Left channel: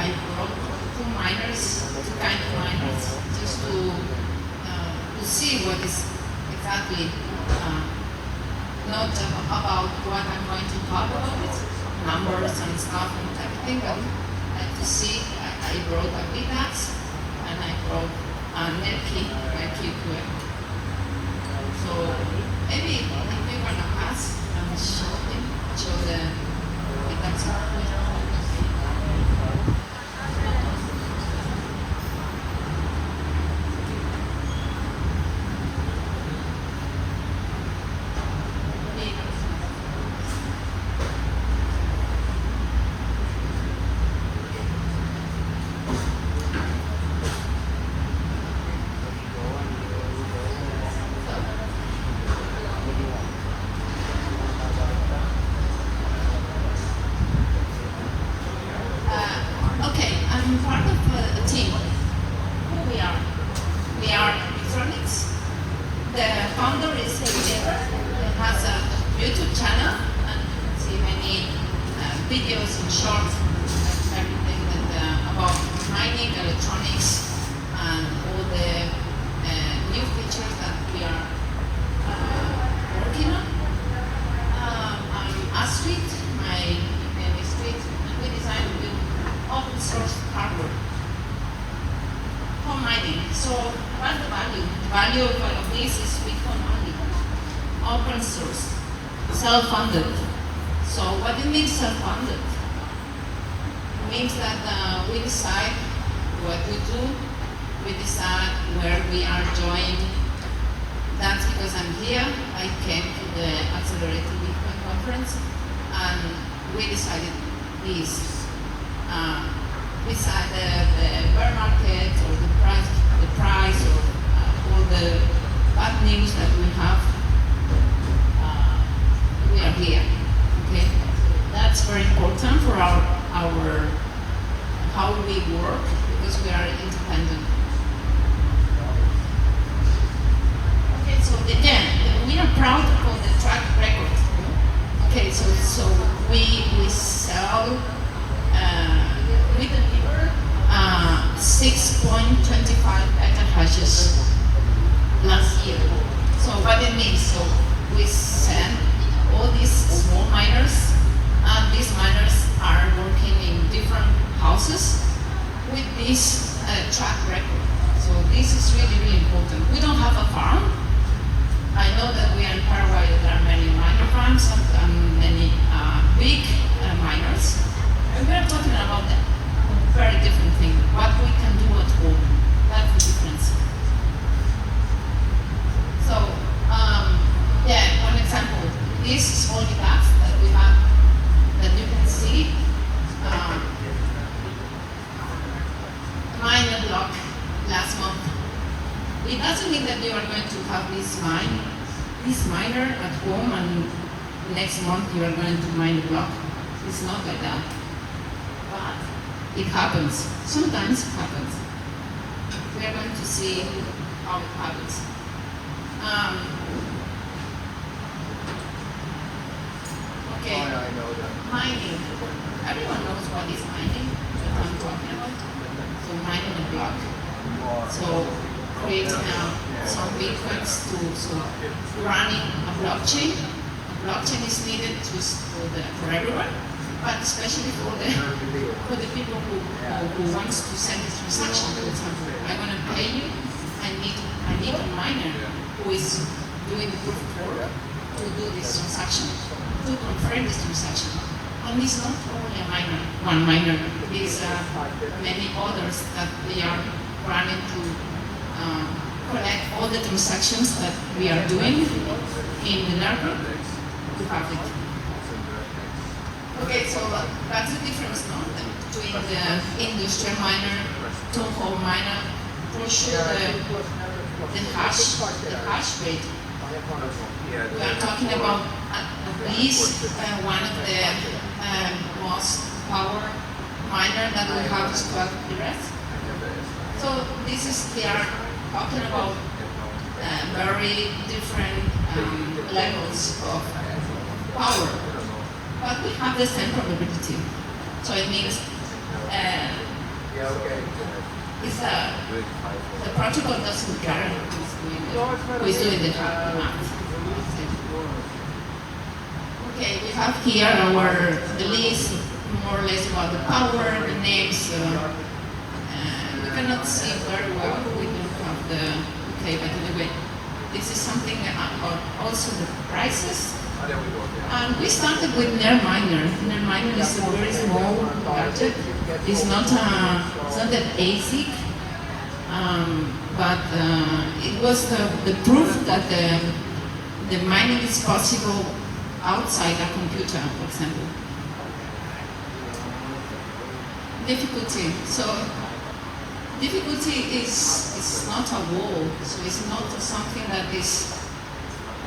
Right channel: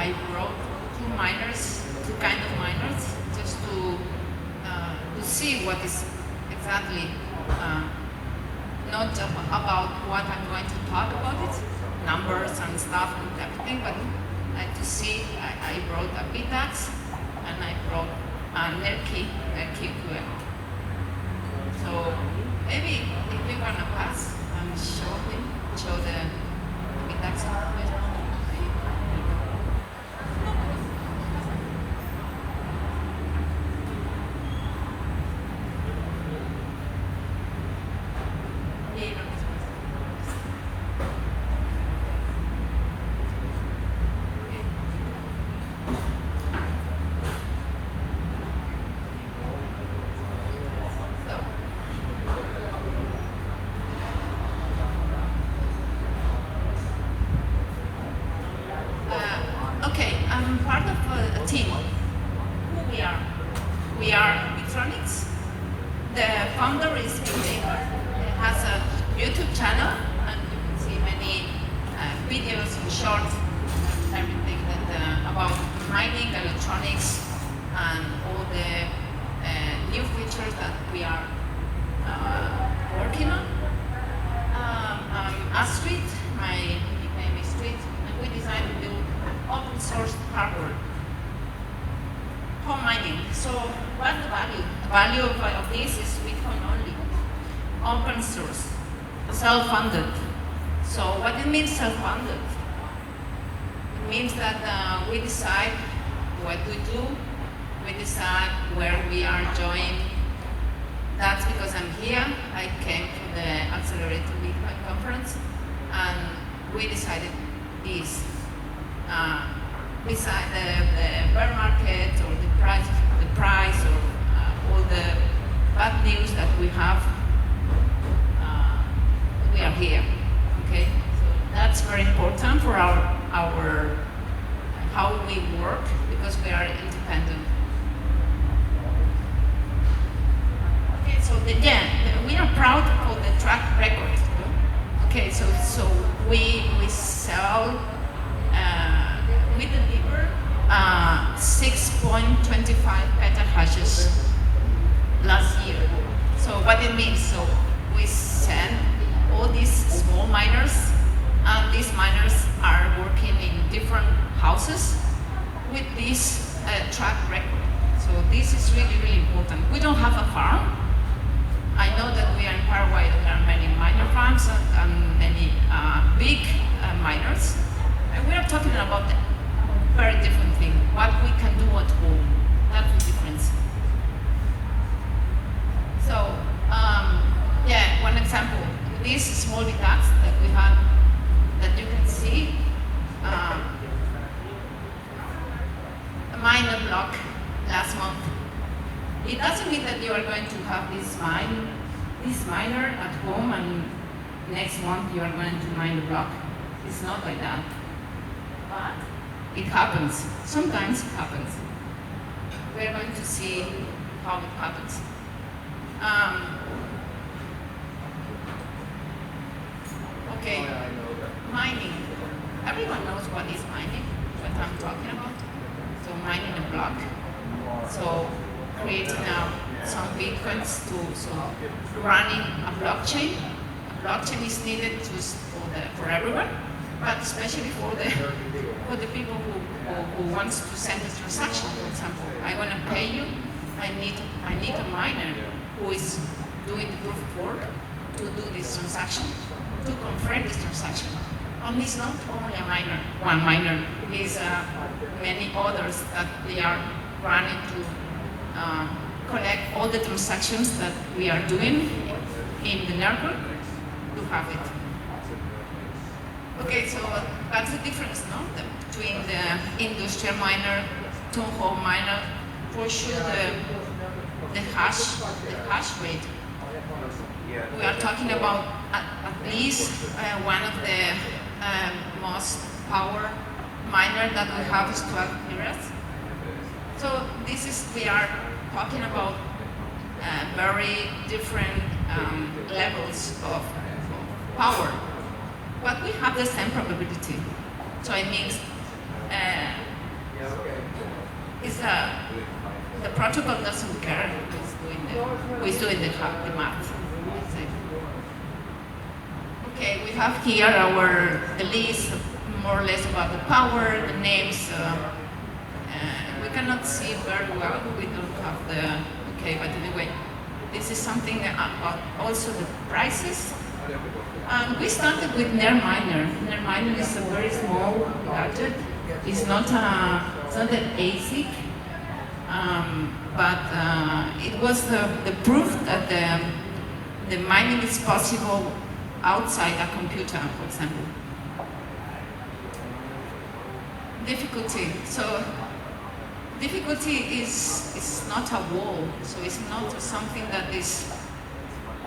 I brought two kind of miners, just to see what is exactly not about what I'm going to talk about it, numbers and stuff and everything, but to see. I brought a Bitronics and I brought a Merki QM. So maybe if we're gonna pass and show the Bitronics. Okay, I'm part of a team. Who we are? We are Bitronics. The founder is Astrid. He has a YouTube channel, and you can see many videos and shorts and everything that about mining, electronics, and all the new features that we are working on. I'm Astrid. My name is Astrid, and we designed to build open source hardware for mining. So what's the value? The value of all of this is Bitcoin only, open source, self-funded. So what it means self-funded? It means that we decide what we do, we decide where we are joined. That's because I'm here. I came to the Accelerated Bitcoin conference, and we decided this. Beside the bear market or the price or all the bad news that we have, we are here. Okay, that's very important for our how we work, because we are independent. Okay, so we are proud of the track record. Okay, so we sell. We deliver 6.25 petahashes last year. So what it means, so we send all these small miners, and these miners are working in different houses with this track record. So this is really, really important. We don't have a farm. I know that we are in Paraguay, there are many miner farms and many big miners. And we are talking about a very different thing, what we can do at home. That's the difference. So, one example, this small task that we have, that you can see, a miner block last month. It doesn't mean that you are going to have this miner at home, and next month you are going to mine a block. It's not like that. But it happens. Sometimes it happens. We are going to see how it happens. Okay, mining. Everyone knows what is mining that I'm talking about. So mining a block. So creating some bitcoins to running a blockchain. A blockchain is needed for everyone, but especially for the people who wants to send a transaction. For example, I want to pay you. I need a miner who is doing the proof of work to do this transaction, to confirm this transaction. And it's not only a miner, one miner. It's many others that they are running to collect all the transactions that we are doing in the network. To have it. Okay, so that's the difference, no? Between the industrial miner, two-hole miner, for sure the hash rate. We are talking about at least one of the most power miner that we have is called Iris. So they are talking about very different levels of power, but we have the same probability. So it means The protocol doesn't care who's doing the math. Okay, we have here the list, more or less about the power, the names. We cannot see very well. We don't have the. Okay, but anyway, this is something about also the prices. And we started with NerdMiner. NerdMiner is a very small gadget. It's not an ASIC, but it was the proof that the mining is possible outside a computer, for example. Difficulty. So difficulty is not a wall. So it's not something that is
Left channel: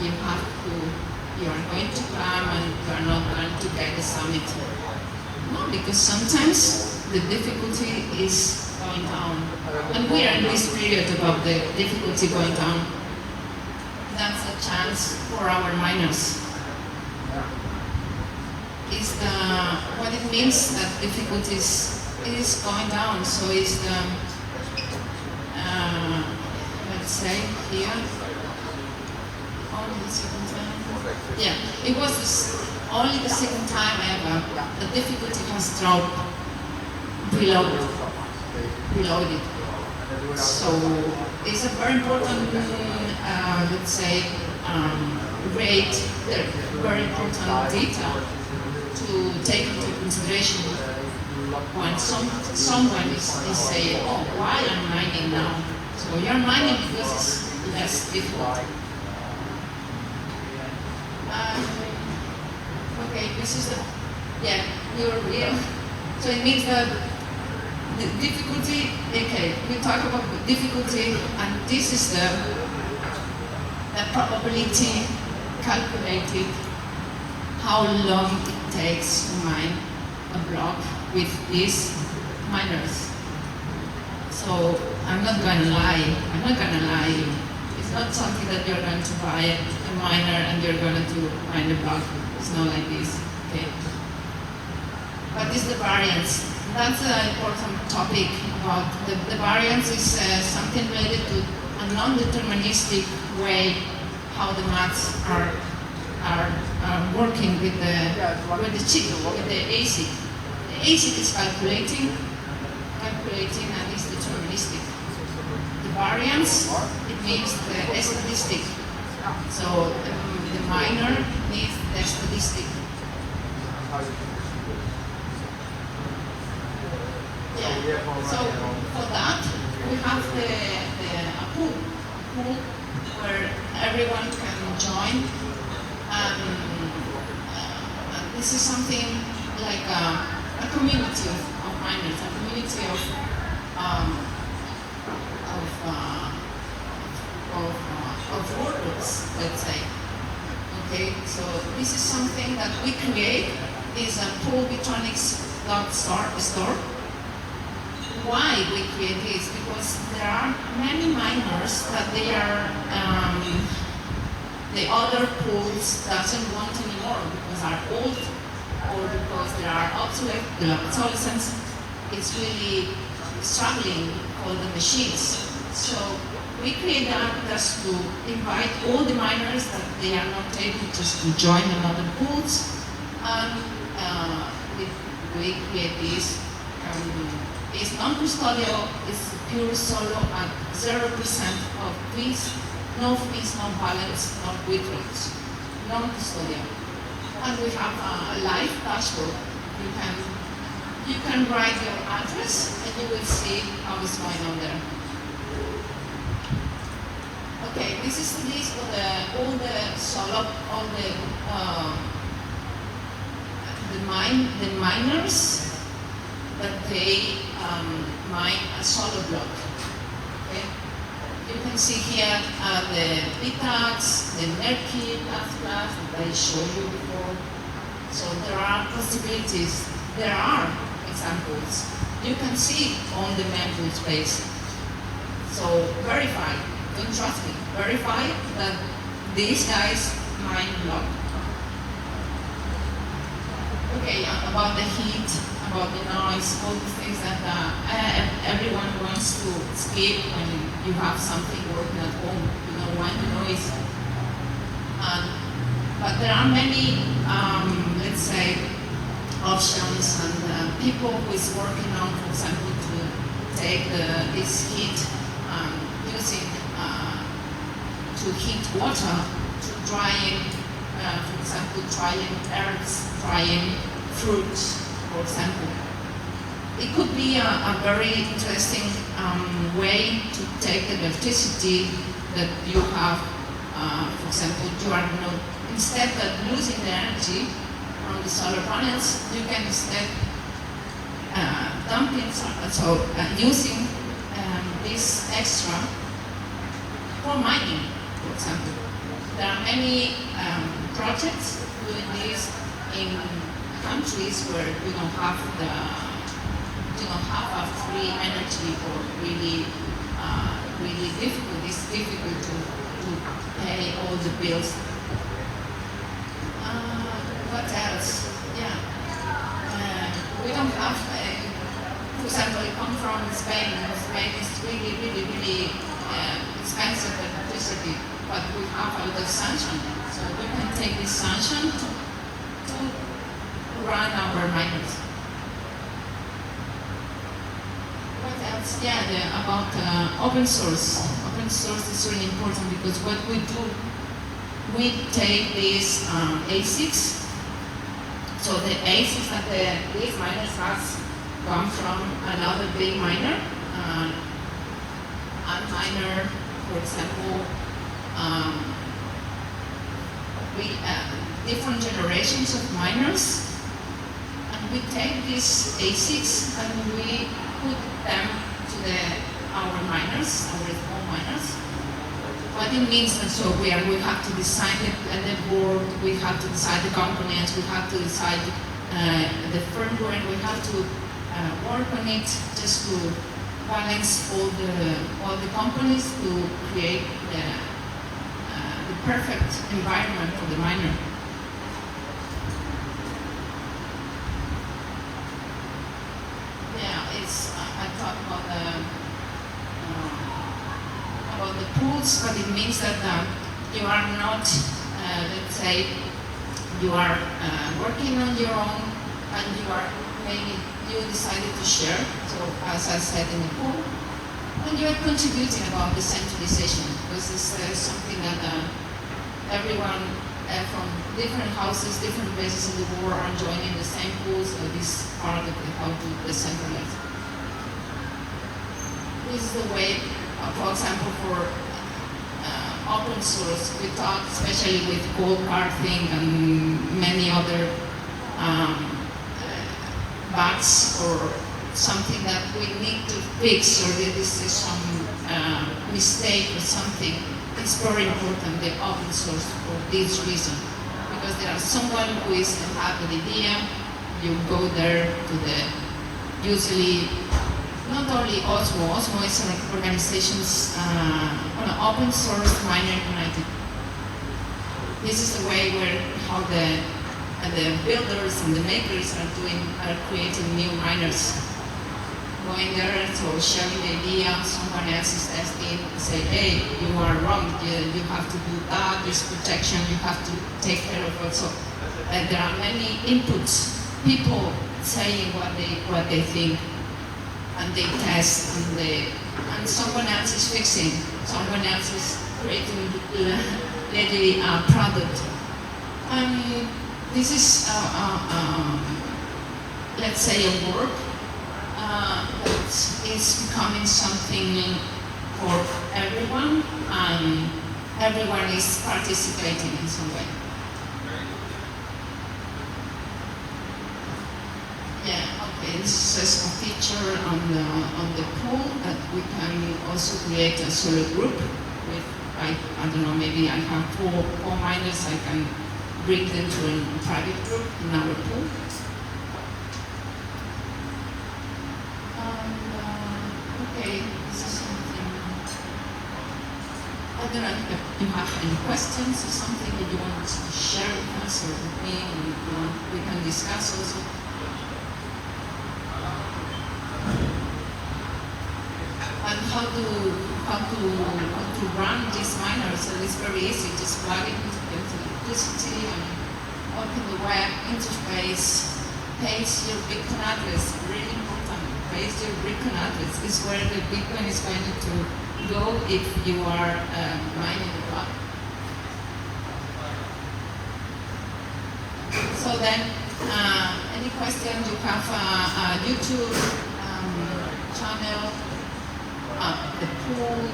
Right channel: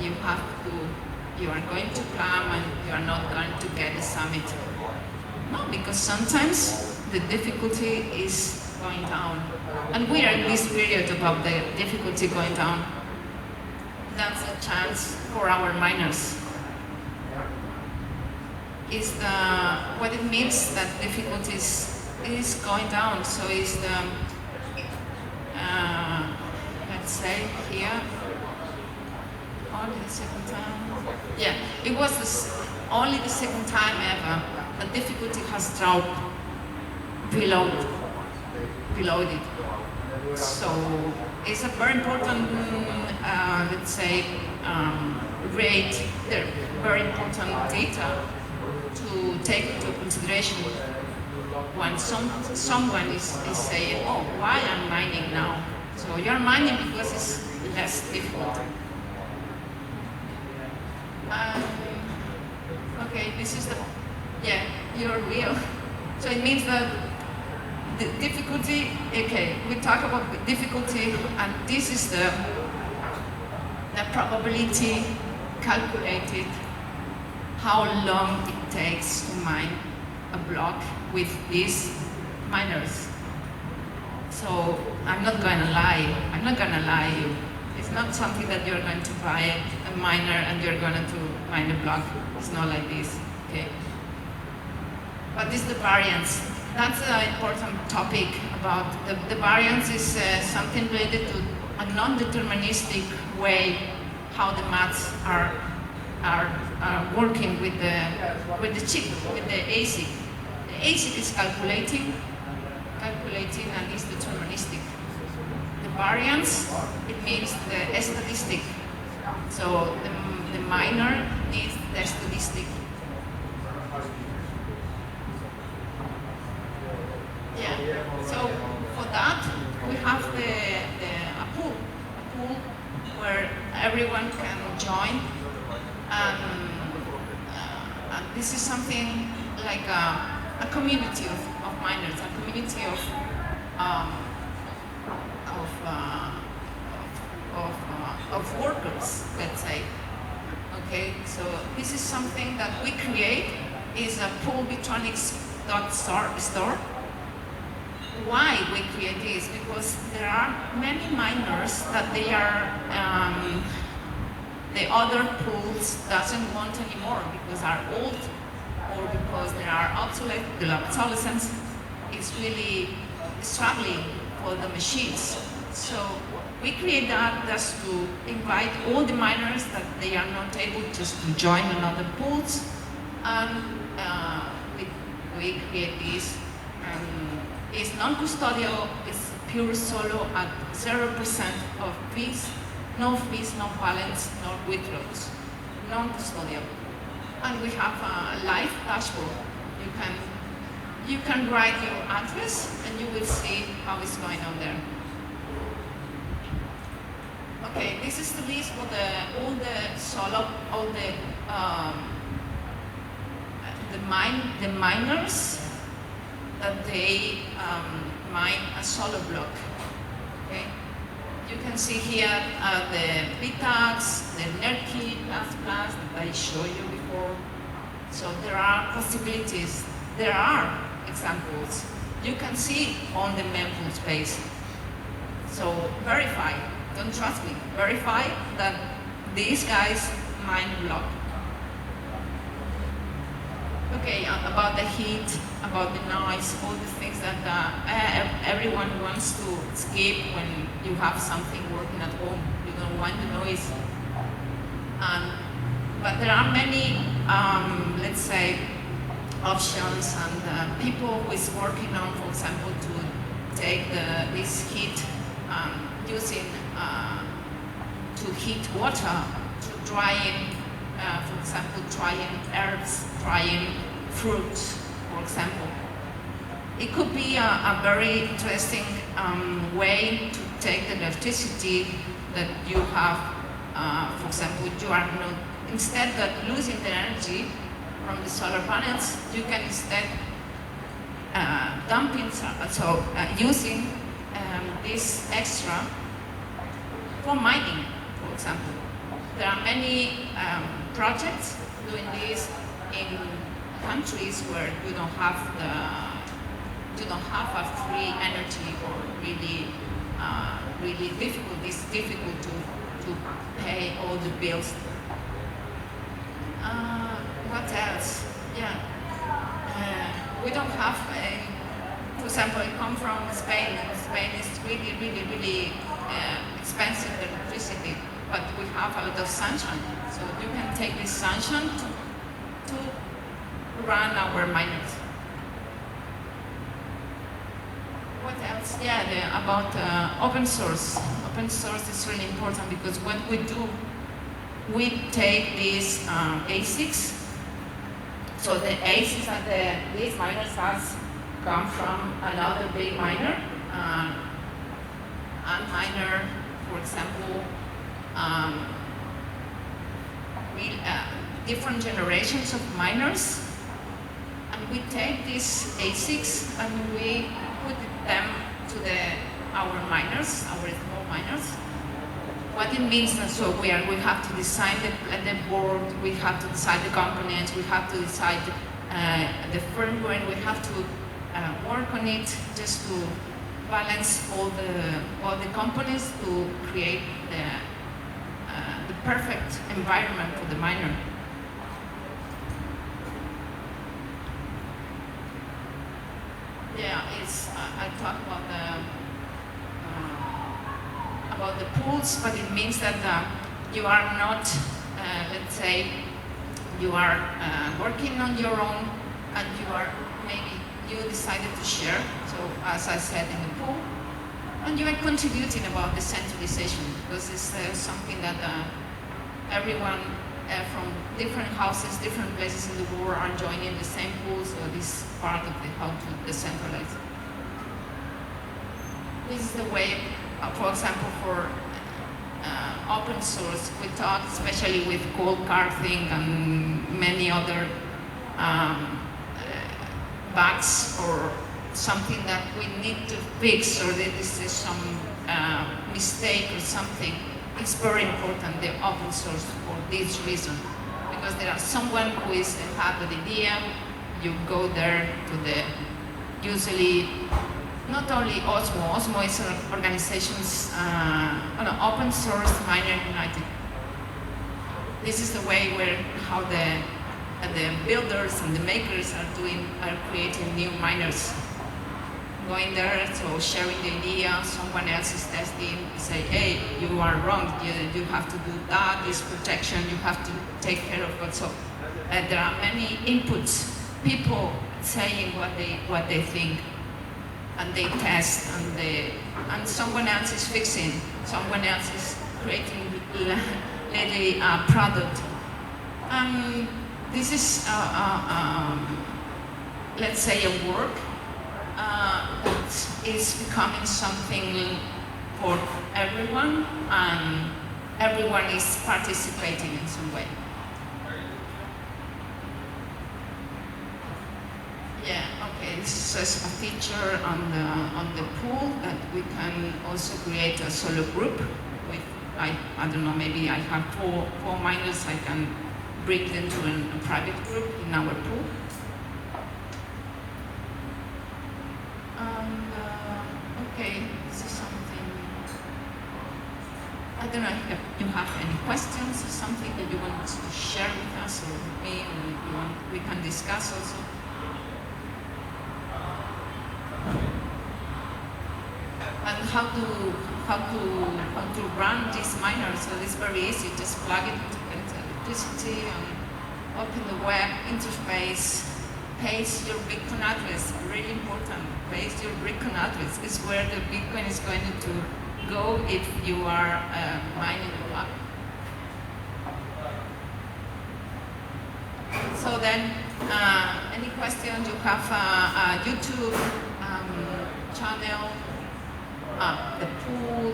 you are going to come and you are not going to get the summit. No, because sometimes the difficulty is going down. And we are in this period about the difficulty going down. That's a chance for our miners. What it means that difficulty is going down. So it's the, let's say here, only the second time. Yeah, it was only the second time ever the difficulty has dropped below it. So it's a very important, let's say, rate, very important data to take into consideration when someone is saying, oh, why I'm mining now? So you're mining because it's less difficult. Okay, this is you're real. So it means that the difficulty, okay, we talk about the difficulty, and this is the probability calculated, how long it takes to mine a block with these miners. So I'm not gonna lie you. It's not something that you're going to buy a miner and you're going to mine a block. It's not like this, okay? But this is the variance. That's an important topic about the variance is something related to a non-deterministic way how the maths are working with the chip, with the ASIC. The ASIC is calculating and is deterministic. The variance, it means the statistic. So the miner needs the statistic. Yeah. So for that we have a pool where everyone can join. This is something like a community of miners, a community of workers, let's say. Okay, so this is something that we create, is a pool Bitronics store. Why we create this? Because there are many miners that they are the other pools doesn't want anymore because are old or because there are the obsolescence is really struggling for the machines. So we create that just to invite all the miners that they are not able just to join another pools, and we create this. It's non-custodial, it's pure solo at 0% of fees, no fees, no balance, no withdrawals, non-custodial. And we have a live dashboard. You can write your address and you will see how it's going on there. Okay, this is the list of all the solo, all the miners that they mine a solo block. Okay? You can see here the Bitronics, the NerdKit, that I showed you before. So there are possibilities. There are examples. You can see on the mempool space. So verify. Don't trust me. Verify that these guys mine block. Okay, about the heat, about the noise, all these things that everyone wants to escape when you have something working at home. You don't want the noise. But there are many, let's say, options and people who is working on, for example, to take this heat using to heat water, to drying, for example, drying herbs, drying fruits, for example. It could be a very interesting way to take the electricity that you have. For example, you are not, instead of losing the energy from the solar panels, you can instead dumping, using this extra for mining, for example. There are many projects doing this in countries where you don't have a free energy, or really difficult. It's difficult to pay all the bills. What else? Yeah, we don't have. For example, I come from Spain. Spain is really expensive electricity, but we have a lot of sunshine, so we can take this sunshine to run our miners. What else? Yeah, about open source. Open source is really important because what we do, we take these ASICs. So the ASICs that these miners has come from another big miner. A miner, for example, different generations of miners, and we take these ASICs and we put them to our miners, our small miners. What it means, and so we have to decide the board, we have to decide the components, we have to decide the firmware, we have to work on it just to balance all the components to create the perfect environment for the miner. Yeah, I talk about the pools, but it means that you are not, let's say, you are working on your own, and maybe you decided to share. So as I said in the pool, and you are contributing about decentralization, because it's something that everyone from different houses, different places in the world are joining the same pool, so this part of how to decentralize. This is the way, for example, for open source, we talk especially with cold carting and many other bugs or something that we need to fix, or this is some mistake or something. It's very important, the open source, for this reason. Because there are someone who is have an idea, you go there to usually, not only OSMU. OSMU is an organization's open source miner united. This is the way how the builders and the makers are creating new miners. Going there, so sharing the idea, someone else is testing, say, hey, you are wrong, you have to do that, this protection, you have to take care of it. So there are many inputs, people saying what they think, and they test, and someone else is fixing, someone else is creating literally a product. This is, let's say, a work that is becoming something for everyone, and everyone is participating in some way. Yeah, okay, this is a feature on the pool that we can also create a solo group with, I don't know, maybe I have four miners, I can bring them to a private group in our pool. Okay, this is something, I don't know if you have any questions or something that you want to share with us or with me, we can discuss also. how to run this miner. So it's very easy. Just plug it into electricity and open the web interface. Paste your Bitcoin address. Really important. Paste your Bitcoin address. Is where the Bitcoin is going to go if you are mining a block. So then, any questions? You have a YouTube channel, the pool,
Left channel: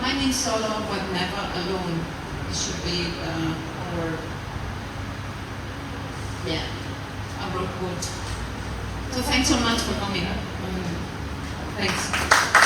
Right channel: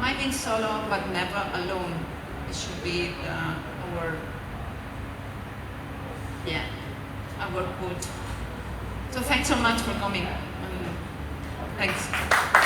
mining solo but never alone. It should be our good. So thanks so much for coming. Thanks.